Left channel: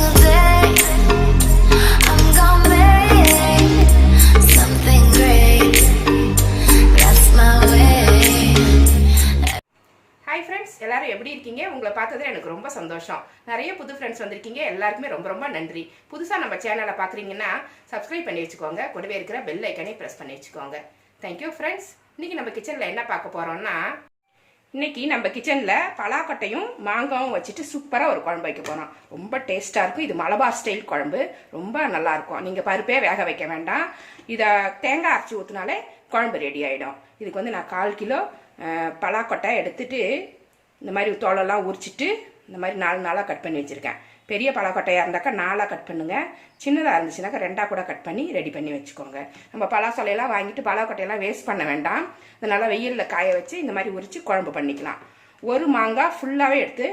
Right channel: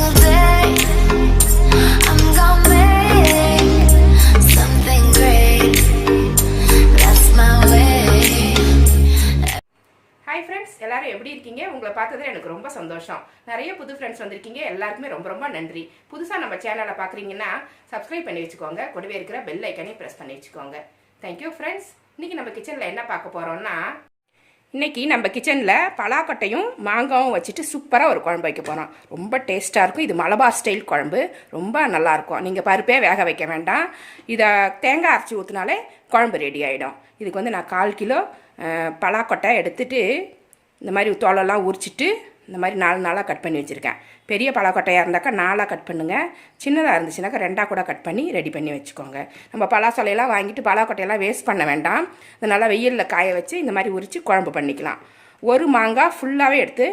single day I'm gonna make something great. That's my way. Hi friends, எல்லாரும் எப்படி இருக்கீங்க? உங்களை பார்த்தது எனக்கு ரொம்ப சந்தோஷம். நிறைய புது ஃப்ரெண்ட்ஸ் வந்திருக்கீங்க. எல்லாருக்குமே ரொம்ப ரொம்ப நன்றி. புதுசாக நம்ம சேனலை பார்க்குறீங்கன்னா சப்ஸ்கிரைப் பண்ணி வச்சுக்கோங்க. கூடவே இருக்கிற பெல் ஐக்கனை ப்ரெஸ் பண்ணி வச்சுக்கோங்க. Thank you friends. இன்றைக்கி நம்ம கிச்சனில் என்ன பார்க்க போகிறோம்னா, இன்றைக்கி நம்ம கிச்சனில் பலாக்கொட்டையும் மாங்காவும் வச்சுட்டு சூப்பராக ஒரு குழம்பு வைக்க போகிறோம். ரொம்ப டேஸ்ட்டாக இருக்கும். இது மலபார் ஸ்டைல் குழம்பு, ரொம்ப நல்லாயிருக்கும். நீங்கள் பருப்பே வேக வைக்க வேண்டாம். இதை தேங்காய் அரைச்சி ஊற்றினாலே குழம்பு ரெடி ஆகிடும். இதுக்கு வந்து நான் 1/4 கிலோ பலாக்கொட்டை எடுத்துட்டு இந்த மாதிரி தோலெல்லாம் உரிச்சிட்டு இந்த மாதிரி 4 நாளாக கட் பண்ணி வச்சுருக்கேன். பெரிய பலாக்கொட்டையாக இருந்தாக்கா 4ஆக கட் பண்ணுங்கள். சின்னதாக இருந்துச்சுனாக்கா 2ஆக கூட கட் பண்ணி ரெடி பண்ணி வச்சுக்கோங்க. நம்ம பலாசொலையெல்லாம் வாங்கிட்டு பலாக்கொட்டையெல்லாம் வேஸ்ட் பண்ண வேண்டாம். இது நல்லா வெயிலில் காய வச்சு இந்த மாதிரி உரித்து குழம்பு பண்ணிக்கலாம். ஒரு மாங்காய் ஃபுல்லாகவே எடுத்து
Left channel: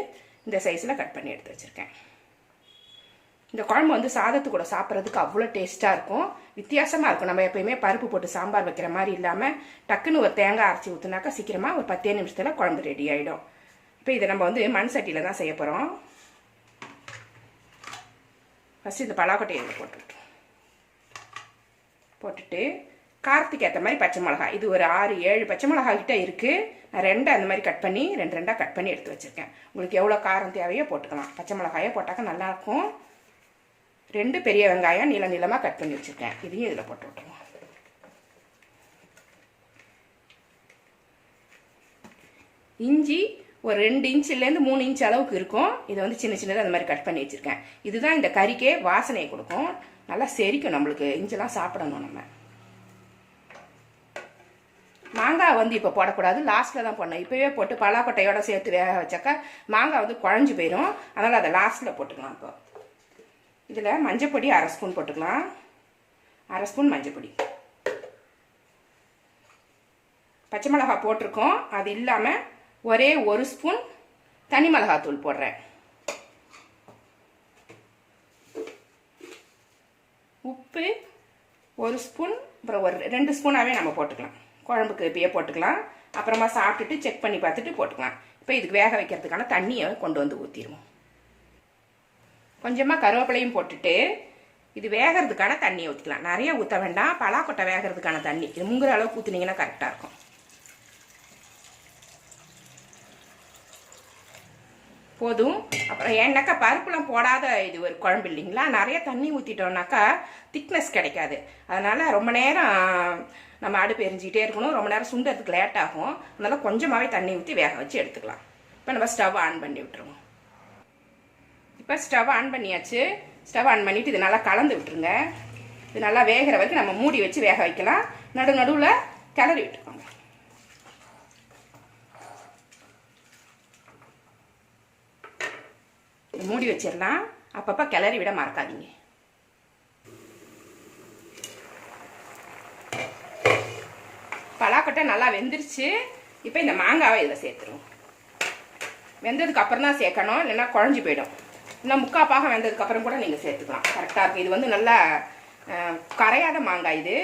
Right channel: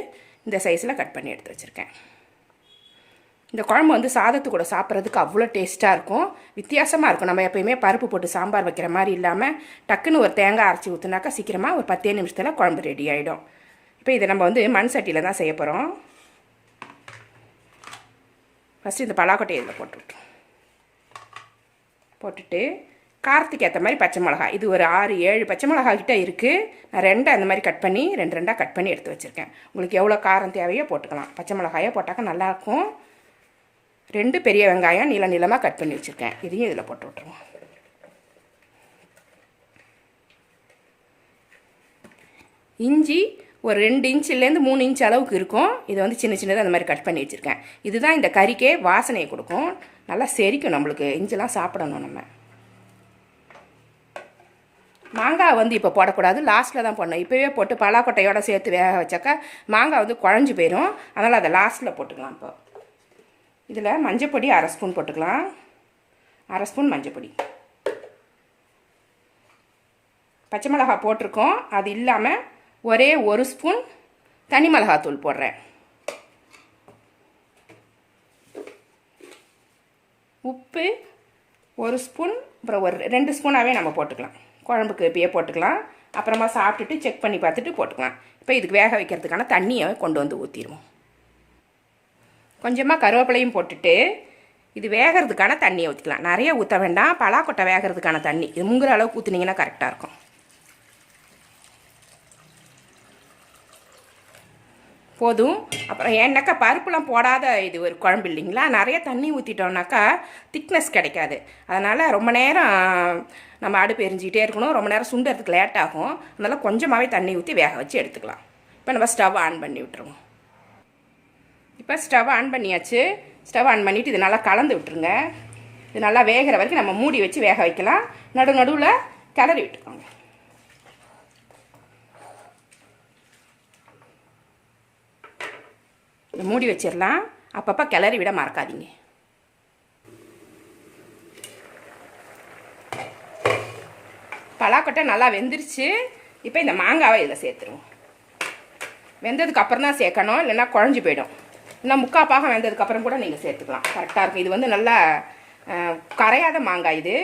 இந்த சைஸில் கட் பண்ணி எடுத்து வச்சுருக்கேன். இந்த குழம்பு வந்து சாதத்து கூட சாப்பிட்றதுக்கு அவ்வளோ டேஸ்ட்டாக இருக்கும். வித்தியாசமாக இருக்கும். நம்ம எப்பயுமே பருப்பு போட்டு சாம்பார் வைக்கிற மாதிரி இல்லாமல் டக்குன்னு ஒரு தேங்காய் அரைச்சி ஊற்றுனாக்கா சீக்கிரமாக ஒரு 10 நிமிஷத்தில் குழம்பு ரெடி ஆகிடும். இப்போ இதை நம்ம வந்து மண் சட்டியில் தான் செய்ய போகிறோம். ஃபஸ்ட்டு இந்த பலாக்கொட்டையை இதில் போட்டுட்டு காரத்துக்கு ஏற்ற மாதிரி பச்சை மிளகாய், இது ஒரு 6-7 பச்சை மிளகாய் கிட்ட இருக்குது. நான் 2 அந்த மாதிரி கட் பண்ணி 2 கட் பண்ணி எடுத்து வச்சுருக்கேன். உங்களுக்கு எவ்வளோ காரம் தேவையோ போட்டுக்கலாம். பச்சை மிளகாயை போட்டாக்கா நல்லாயிருக்கும். 2 பெரிய வெங்காயம் நீளமாக கட் பண்ணி வச்சுருக்கேன். இதையும் இதில் போட்டு விட்டுருவோம். இஞ்சி ஒரு 2 இன்ச்சிலேருந்து 3 இன்ச் அளவுக்கு இருக்கும். இதை வந்து சின்ன சின்னதாக அந்த மாதிரி கட் பண்ணி வச்சுருக்கேன். இதுதான் இந்த கறிக்கே வாசனையை கொடுக்கும். நல்லா செரிக்கும். நம்மளுக்கு இஞ்செல்லாம் சாப்பிடணும். நம்ம மாங்காய் வந்து இப்போ போடக்கூடாது, லாஸ்ட்டில் தான் போடணும். இப்போவே போட்டு பலாக்கொட்டையோட சேர்த்து வேக வச்சாக்கா மாங்காய் வந்து குழஞ்சி போயிடும். அதனால் அதை லாஸ்ட்டில் போட்டுக்கலாம். இப்போ இதில் மஞ்சப்பொடி 1/2 ஸ்பூன் போட்டுக்கலாம். 1/2 ஸ்பூன் மஞ்சப்பொடி. பச்சை மிளகாய் போட்டிருக்கோம். அது இல்லாமல் ஒரே 1 ஸ்பூன் தனி மிளகாத்தூள் போடுறேன். உப்பு 1 ஸ்பூன், அப்புறம் ஒரு 2 ஸ்பூனாகவே நம்ம போட்டுக்கலாம். குழம்புக்கு இப்பயே போட்டுக்கலாம். அப்புறமா சாப்பிட்டுட்டு செக் பண்ணி பார்த்துட்டு போட்டுக்கலாம். இப்போ இதுக்கு வேக வைக்கிறதுக்கான தண்ணியை கொண்டு வந்து ஊற்றிடுவோம். கொஞ்சமாக கருவேப்பிலையும் போட்டுட்டு இது வேகிறதுக்கான தண்ணியை ஊற்றிக்கலாம். நிறைய ஊற்ற வேண்டாம். பலாக்கொட்டை வேகிறதுக்கான தண்ணி இது முங்குற அளவுக்கு ஊற்றினீங்கன்னா கரெக்டாக இருக்கும். போதும். அப்புறம் ஏன்னாக்கா பருப்புலாம் போடாத இது ஒரு குழம்பு இல்லைங்களா, நிறைய தண்ணி ஊற்றிட்டோம்னாக்கா திக்னஸ் கிடைக்காது. அதனால் ரொம்ப நேரம் நம்ம அடுப்பு எரிஞ்சிக்கிட்டே இருக்கணும். ரொம்ப நேரம் சுண்டுறதுக்கு லேட் ஆகும். அதனால் கொஞ்சமாகவே தண்ணி ஊற்றி வேக வச்சு எடுத்துக்கலாம். இப்போ நம்ம ஸ்டவ் ஆன் பண்ணி விட்டுருவோம். இப்போ ஸ்டவ் ஆன் பண்ணியாச்சு. ஸ்டவ் ஆன் பண்ணிவிட்டு இது நல்லா கலந்து விட்டுருங்க. இது நல்லா வேகிற வரைக்கும் நம்ம மூடி வச்சு வேக வைக்கலாம். நடுவில் கிளறி விட்டுக்கோங்க. மூடி வச்சிடலாம். அப்பப்போ கிளறி விட மறக்காதீங்க. பலாக்கொட்டை நல்லா வெந்துருச்சு. இப்போ இந்த மாங்காவை இதில் சேர்த்துருவோம். வெந்ததுக்கு அப்புறம் தான் சேர்க்கணும், இல்லைன்னா குழஞ்சி போயிடும். இல்லை 3/4 பாகம் வெந்ததுக்கப்புறம் கூட நீங்கள் சேர்த்துக்கலாம். கரெக்டாக இருக்கும். இது வந்து நல்லா கரையாத மாங்காய் இது.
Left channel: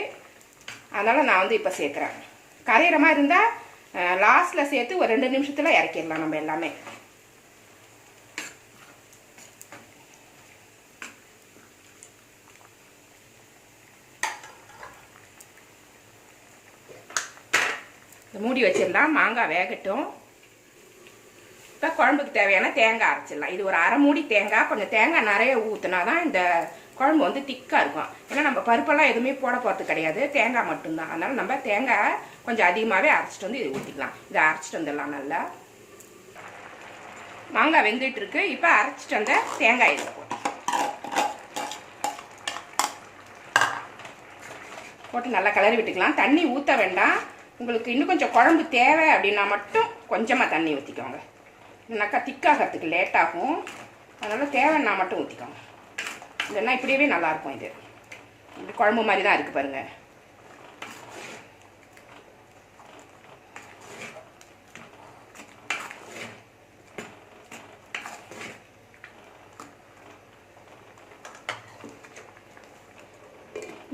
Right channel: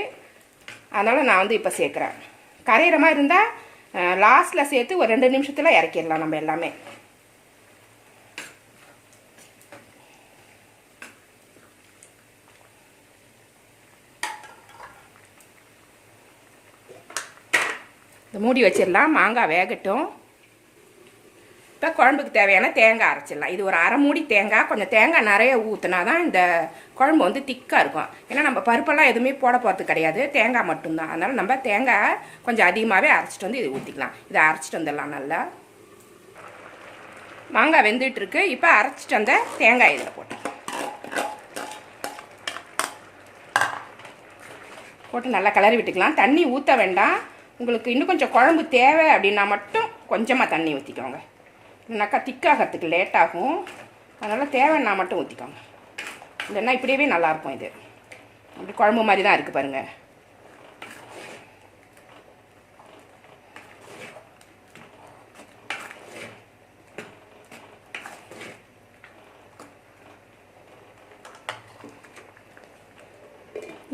அதனால் நான் வந்து இப்போ சேர்க்குறேன். கரையிற மாதிரி இருந்தால் லாஸ்ட்டில் சேர்த்து ஒரு 2 நிமிஷத்தில் இறக்கிடலாம் நம்ம எல்லாமே. மூடி வச்சிடலாம். மாங்காய் வேகட்டும். இப்போ குழம்புக்கு தேவையான தேங்காய் அரைச்சிடலாம். இது ஒரு 1/2 மூடி தேங்காய். கொஞ்சம் தேங்காய் நிறைய ஊற்றினா தான் இந்த குழம்பு வந்து திக்காக இருக்கும். ஏன்னா நம்ம பருப்பெல்லாம் எதுவுமே போட போகிறது கிடையாது, தேங்காய் மட்டும்தான். அதனால் நம்ம தேங்காய் கொஞ்சம் அதிகமாகவே அரைச்சிட்டு வந்து இது ஊற்றிக்கலாம். இதை அரைச்சிட்டு வந்துடலாம். நல்லா மாங்காய் வெந்துட்டு இருக்கு. இப்போ அரைச்சிட்டு வந்த தேங்காய் இதில் போட்டு நல்லா கிளறி விட்டுக்கலாம். தண்ணி ஊற்ற வேண்டாம். உங்களுக்கு இன்னும் கொஞ்சம் குழம்பு தேவை அப்படின்னா மட்டும் கொஞ்சமாக தண்ணி ஊற்றிக்கோங்க. இல்லைனாக்கா திக்காகிறதுக்கு லேட் ஆகும். அதனால் தேவைன்னா மட்டும் ஊற்றிக்கோங்க. இல்லைன்னா இப்படியே நல்லாயிருக்கும். இது இப்படி குழம்பு மாதிரி தான் இருக்குது பாருங்கள்.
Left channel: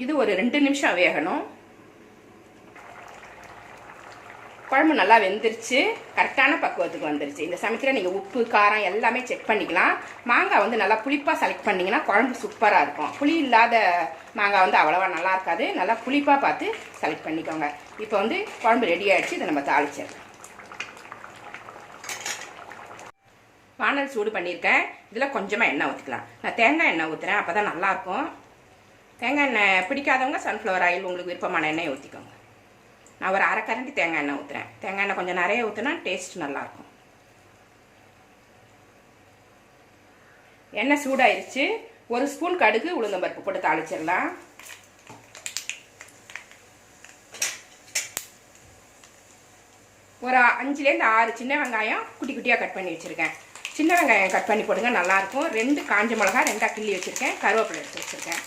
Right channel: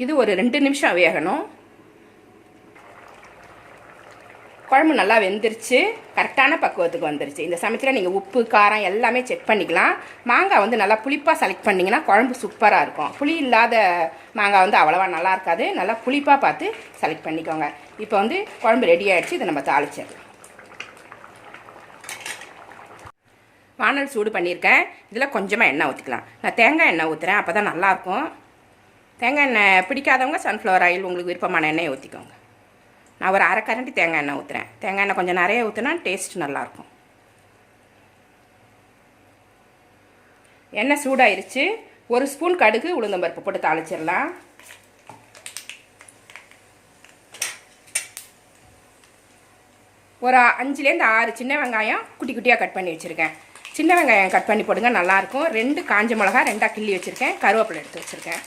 இது ஒரு 2 நிமிஷம் வேகணும். குழம்பு நல்லா வெந்துருச்சு, கரெக்டான பக்குவத்துக்கு வந்துருச்சு. இந்த சமயத்தில் நீங்கள் உப்பு காரம் எல்லாமே செக் பண்ணிக்கலாம். மாங்காய் வந்து நல்லா புளிப்பாக செலக்ட் பண்ணிங்கன்னா குழம்பு சூப்பராக இருக்கும். புளி இல்லாத மாங்காய் வந்து அவ்வளோவா நல்லா இருக்காது. நல்லா புளிப்பாக பார்த்து செலக்ட் பண்ணிக்கோங்க. இப்போ வந்து குழம்பு ரெடி ஆகிடுச்சு. இதை நம்ம தாளிச்சிடலாம். வானல் சூடு பண்ணியிருக்கேன். இதில் கொஞ்சமாக எண்ணெய் ஊற்றிக்கலாம். நான் தேங்காய் எண்ணெய் ஊற்றுறேன், அப்போ தான் நல்லாயிருக்கும். தேங்காய் எண்ணெய் பிடிக்காதவங்க சன்ஃப்ளவர் ஆயில் உங்களுக்கு விருப்பமான எண்ணெயை ஊற்றிக்கோங்க. நான் ஒரு அரை கரண்டி தேங்காய் எண்ணெய் ஊற்றுறேன். தேங்காய் எண்ணெய் கொஞ்சம் நிறைய ஊற்றினா டேஸ்ட் நல்லாயிருக்கும். எண்ணெய் சூடாயிருச்சு. ஒரு ஸ்பூன் கடுகு உளுந்தம்பருப்பு போட்டு தாளிச்சிடலாம். ஒரு 5லேருந்து 6 சின்ன வெங்காயம் குட்டி குட்டியாக கட் பண்ணி வச்சுருக்கேன். சின்ன வெங்காயம் கட் பண்ணி போடுங்க, நல்லாயிருக்கும். 2 காஞ்ச மிளகா 2 கிள்ளி வச்சுருக்கேன். கருவேப்பிலை எடுத்து வச்சுருக்கேன்.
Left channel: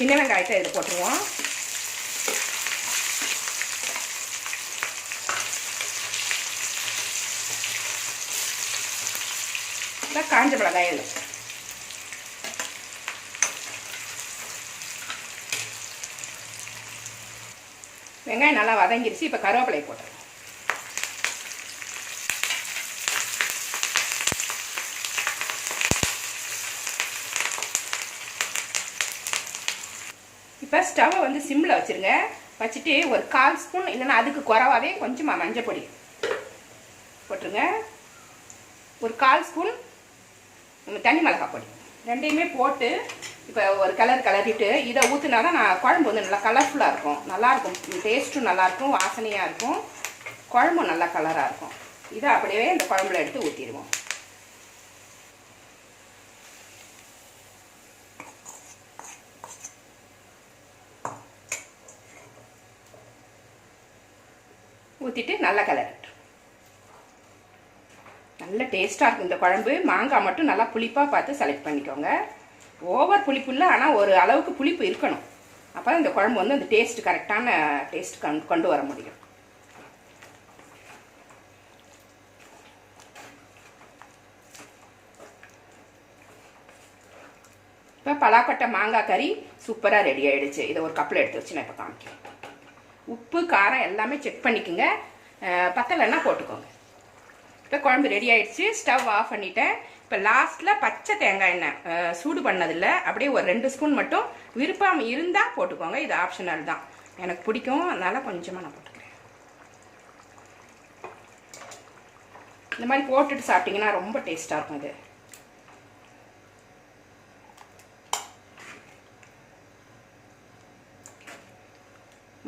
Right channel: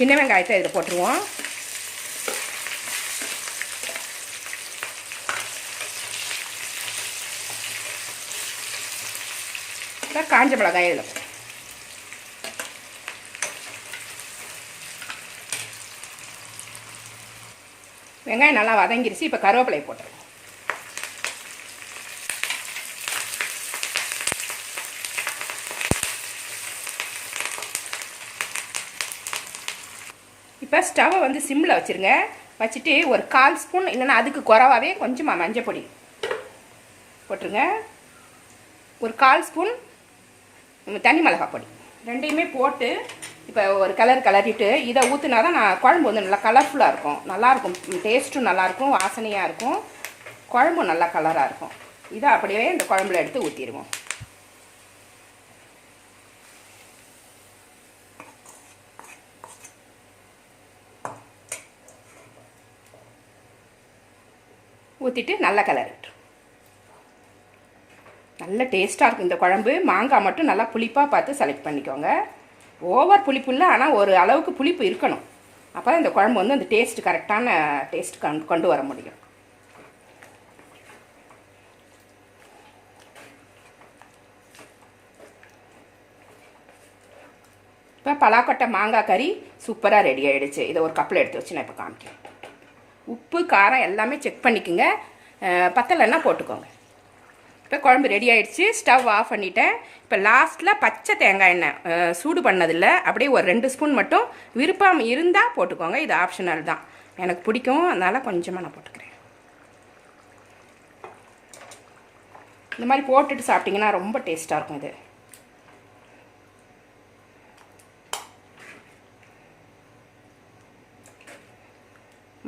சின்ன வெங்காயத்தை இதில் போட்டுருவோம். காஞ்ச மிளகாய் இதில் வெங்காயம் நல்லா வதங்கிருச்சு. இப்போ கருவேப்பிலை போட்டுருவோம். இப்போ ஸ்டவ்வை வந்து சிம்மில் வச்சுருங்க. வச்சுட்டு ஒரு 1/4 ஸ்பூன் இல்லைன்னா அதுக்கு குறைவாகவே கொஞ்சமாக மஞ்சள் பொடி போட்டுருங்க. ஒரு 1/4 ஸ்பூன் தனி மிளகாய் பொடி, ரெண்டையுமே போட்டு இப்போ ஒரு கலரிட்டு இதை ஊற்றினா தான் குழம்பு வந்து நல்லா கலர்ஃபுல்லாக இருக்கும். நல்லாயிருக்கும், டேஸ்ட்டும் நல்லாயிருக்கும், வாசனையாக இருக்கும், குழம்பும் நல்லா கலராக இருக்கும். இதை அப்படியே இந்த குழம்புல எடுத்து ஊற்றிடுவோம். ஊற்றிட்டு நல்லா கலரிட்டு நல்ல டேஸ்ட்டாக இருக்கும் இந்த குழம்பு. மாங்காய் மட்டும் நல்லா புளிப்பாக பார்த்து செலக்ட் பண்ணிக்கோங்க. ஓவர் புளிப்பு இல்லை, ஆனால் ஒரு அளவுக்கு புளிப்பு இருக்கணும். அப்போ தான் இந்த குழம்பு வந்து அந்த டேஸ்ட் கரெக்டான டேஸ்ட் கொண்டு வர முடியும். இப்போ பலாக்கொட்டை மாங்காய் கறி சூப்பராக ரெடி ஆகிடுச்சு. இதை ஒரு கப்பில் எடுத்து வச்சு நான் இப்போ காமிக்கிறேன். உப்பு காரம் எல்லாமே செக் பண்ணிக்கோங்க. பத்தலைன்னா போட்டுக்கோங்க. இப்போ குழம்பு ரெடி ஆகிடுச்சு. ஸ்டவ் ஆஃப் பண்ணிட்டேன். இப்போ லாஸ்ட்டில் பச்சை தேங்காய் எண்ணெய் சூடு பண்ணதில்லை, அப்படியே ஒரு 2 ஸ்பூன் மட்டும் விருப்பம் இருந்தால் போட்டுக்கோங்க. இது ஆப்ஷனல் தான். எனக்கு பிடிக்கும், அதனால் கொஞ்சமாக நான் போட்டுக்கிறேன். இந்த மாதிரி போட்டுட்டு சாப்பிட்டிங்கன்னா ரொம்ப டேஸ்ட்டாக இருக்கும். இது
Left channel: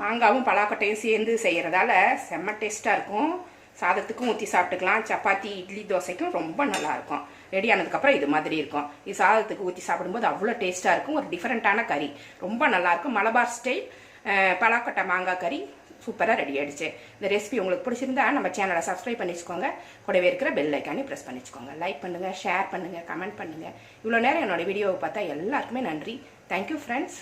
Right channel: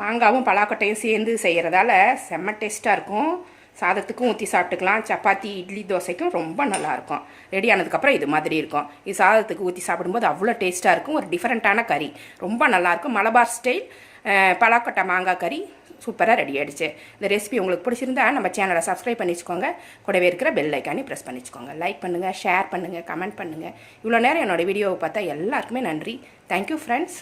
மாங்காவும் பலாக்கொட்டையும் சேர்ந்து செய்கிறதால செம்ம டேஸ்ட்டாக இருக்கும். சாதத்துக்கும் ஊற்றி சாப்பிட்டுக்கலாம். சப்பாத்தி, இட்லி, தோசைக்கும் ரொம்ப நல்லாயிருக்கும். ரெடி ஆனதுக்கப்புறம் இது மாதிரி இருக்கும். இது சாதத்துக்கு ஊற்றி சாப்பிடும்போது அவ்வளோ டேஸ்ட்டாக இருக்கும். ஒரு டிஃப்ரெண்ட்டான கறி, ரொம்ப நல்லாயிருக்கும். மலபார் ஸ்டைல் பலாக்கொட்டை மாங்காய் கறி சூப்பராக ரெடி ஆகிடுச்சு. இந்த ரெசிபி உங்களுக்கு பிடிச்சிருந்தா நம்ம சேனலை சப்ஸ்கிரைப் பண்ணி வச்சுக்கோங்க. கூடவே இருக்கிற பெல் ஐக்கானே ப்ரெஸ் பண்ணி வச்சுக்கோங்க. லைக் பண்ணுங்கள், ஷேர் பண்ணுங்கள், கமெண்ட் பண்ணுங்கள். இவ்வளோ நேரம் என்னோடய வீடியோவை பார்த்தா எல்லாருக்குமே நன்றி. Thank you friends.